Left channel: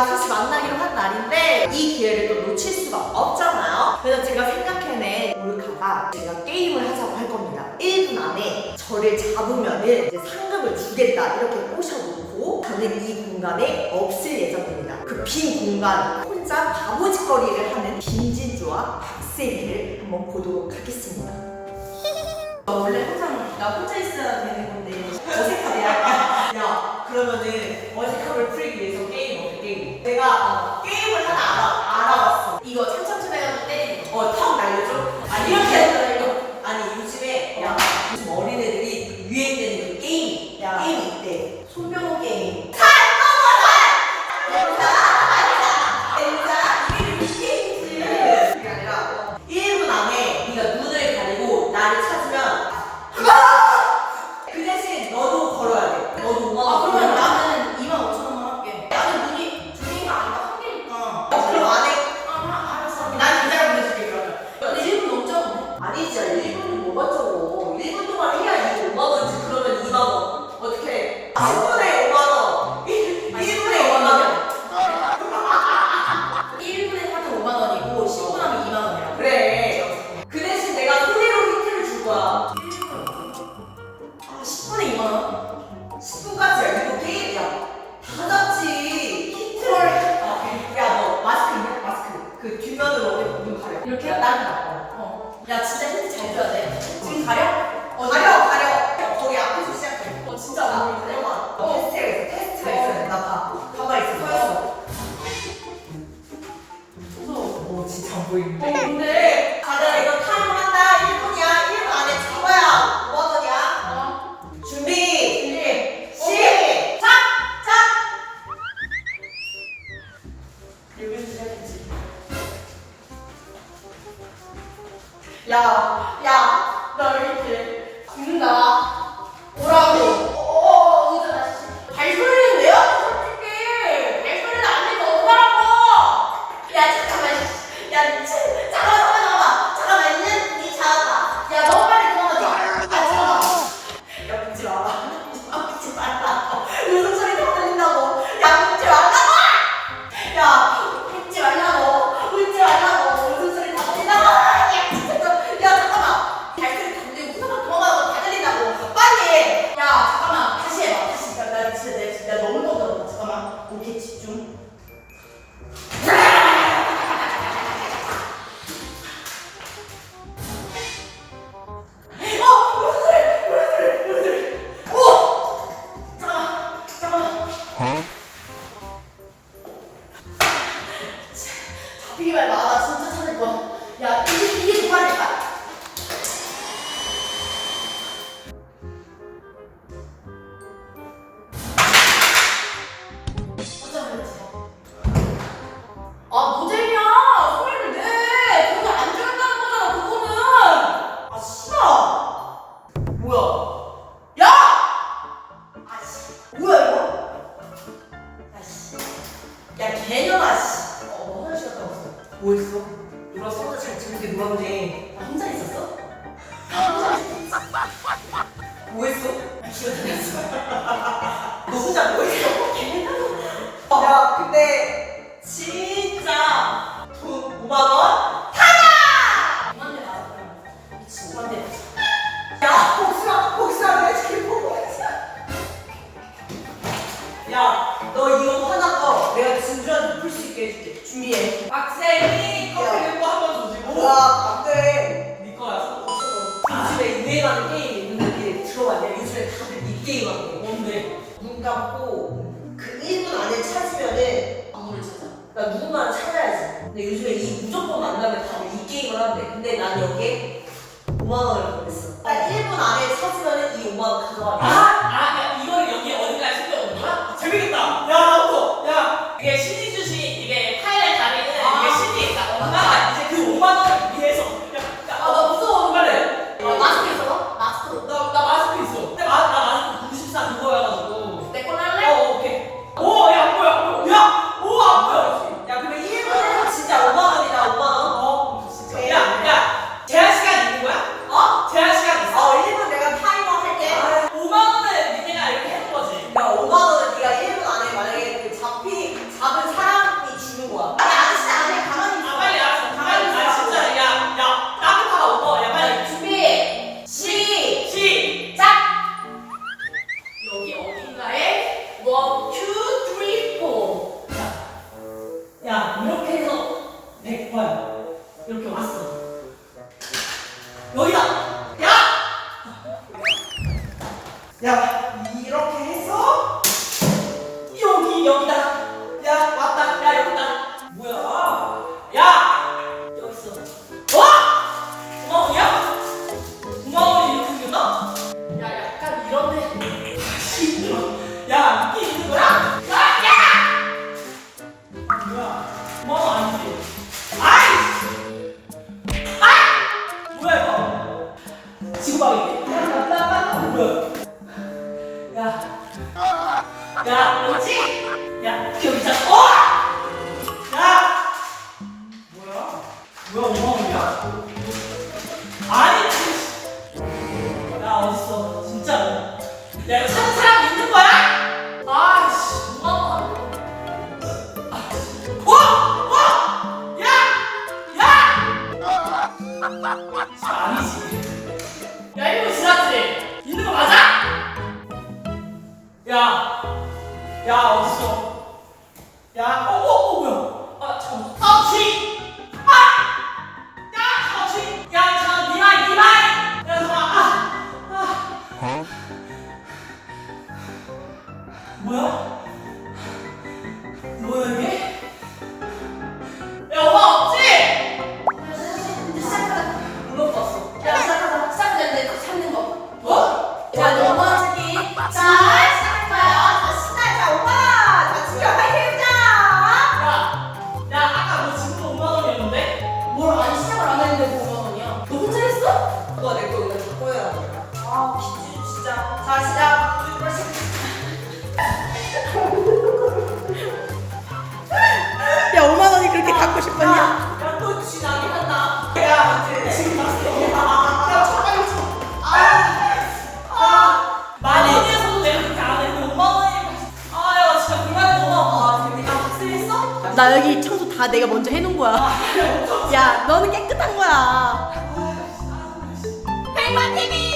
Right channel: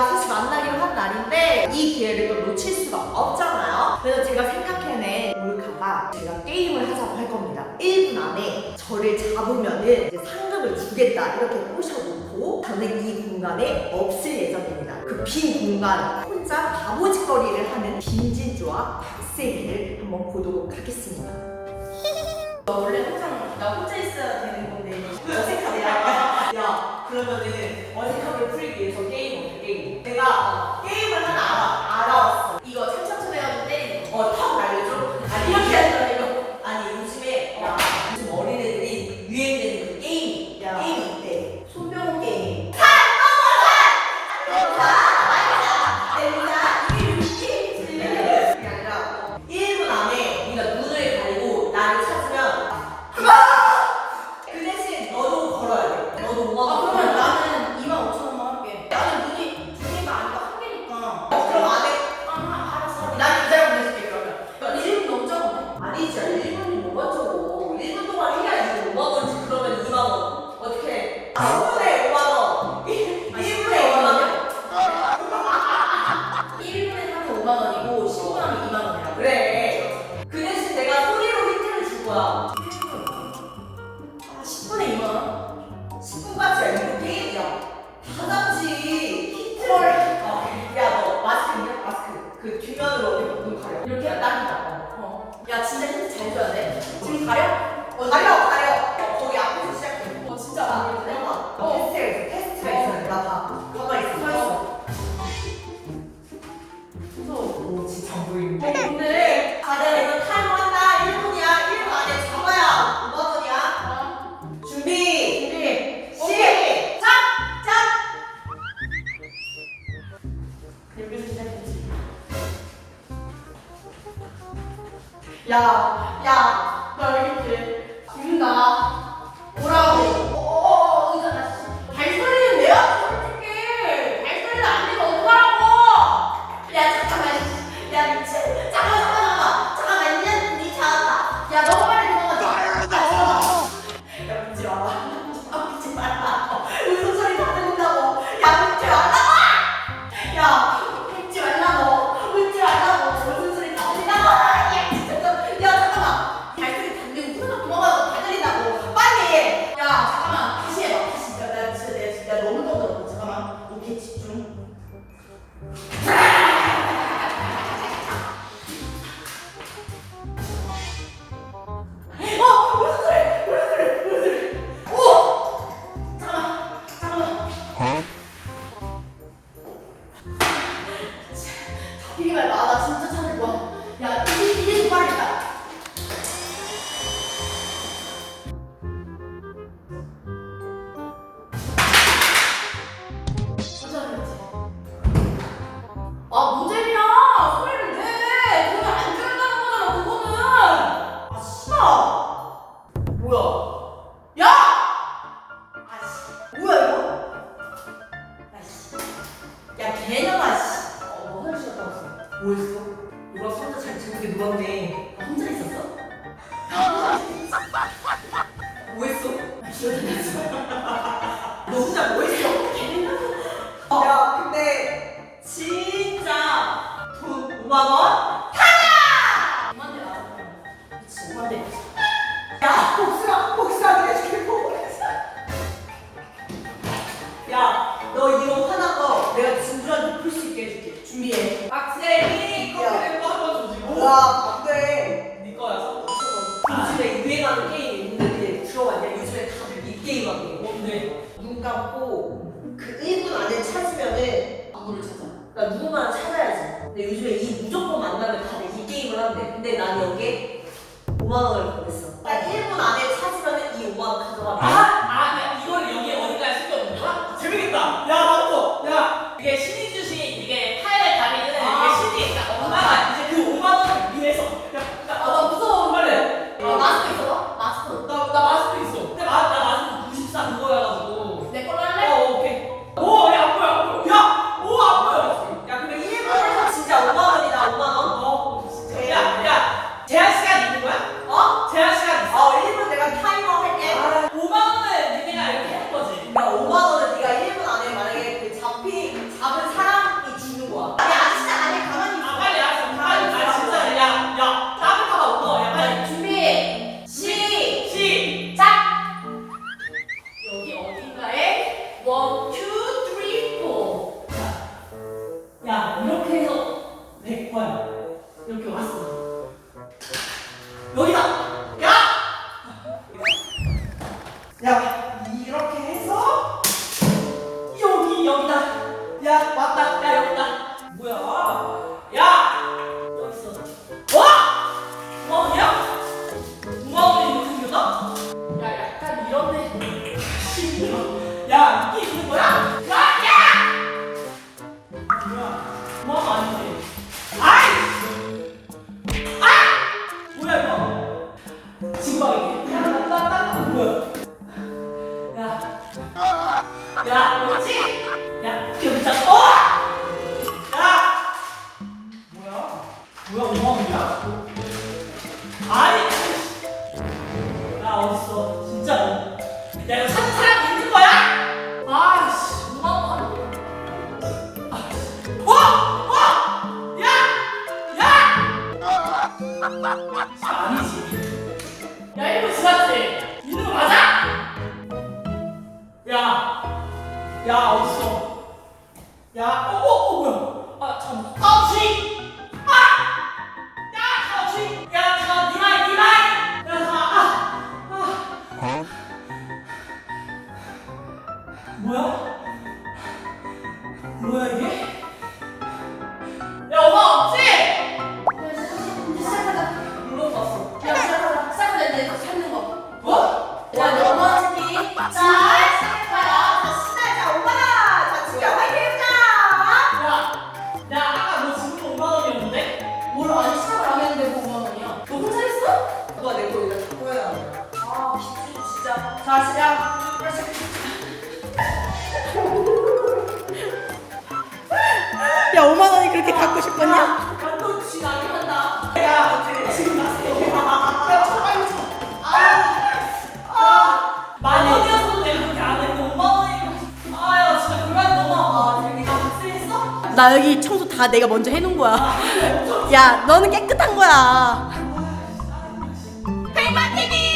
저희가 셋이 만나기로 한 날인데 이 기회를 또 놓칠 수가 없잖아요. 그래서 제가 생각해낸 몰카가 제가 게임을 하자고 할 겁니다. 1분 안에 저를 잡으면은 이제 상금을 주겠다 이렇게 꼬셔놓고 저는 이 공간에 없을 예정입니다. 그 빈 공간 혼자 바보짓거리를 하는 김진주와 박세미를 한번 보도록 하겠습니다. 원래 항상 나 혼자 있어야 되는 건데 어색하네 약간 야 그러면은 어색함을 풀기 위해서 게임 게임 내가 어, 게임을 하나 알아, 알아왔어 이거 천천히 해가지고 때리는 거. 어턱 아니 진짜 1분이 뭐가 적어. 1분 동안 해야 이거 5만 원이지 그러면 2만 원. 어떻게 해? 1분에 5만 원. 1분에 5만 원. 1분에 하면 5만 원이고 10분 하면 2만 원이야. 그래. 그 대신 내가 소리로 힌트를 줄 거야. 아 10분에 2만 원? 10분까지 아니고 게임이야. 다 같이 힌트를. 어, 야, 너 마스크 있냐? 마스크. 그 뒷면으로 어디 눈 가려. 이렇게? 거. 어. 야 진짜 힌트 잘 줘야 돼. 지금 가려? 어, 가려, 가려. 거기 앞에서 시작해. 어 진짜 안 보이는데? 잠깐만. 어. 테스트가 있어, 테스트가 있어. 나 봐. 가만히 있어, 서 있어. 무서워. 오, 진짜 안 보이는데. 어 근데. 야, 야, 나 이렇게 죽는다. 뭐라고? 야야 이게 이게 좀 빠르다 아 모델이야. 소리를 내. 그거 안 죽였다는 거잖아 그거는. 아 씨발. 뭐야? 야! 아 씨. 뭐야 이거? 야 씨. 야 개년아 씨. 어, 너 화장실 갔다 왔어. 뭐 했어? 누가 손자 잘 재밌게 놀았네. 나 혼자 있었어? 뭐 했어? 기억 안 났어 너 혼자 뭐 했어? 야, 근데 진짜 돈 5만 원? 5만 대 나왔어 미친 5만 대 야, 복수야, 복수야, 내 지금 복수야. 야, 너 이거 화난 거 내가 진주한테 풀수 있게 해줄게. 준비해. 박세미 근데 요즘에 이 무조건 만나면 다들 이 게임을 한대. 근데 난 여기에 5만 원을 보냈어. 딱 1분 안에 찾으면 이 5만 원 가져가. 아, 야 이거 지났지? 있는 거 맞아? 야, 야 어딨어? 야, 어. 어? 나 여기 청소 다 내가 먼저 해놓은 거야. 야, 너는 깨끗한 거야. 백만 TV.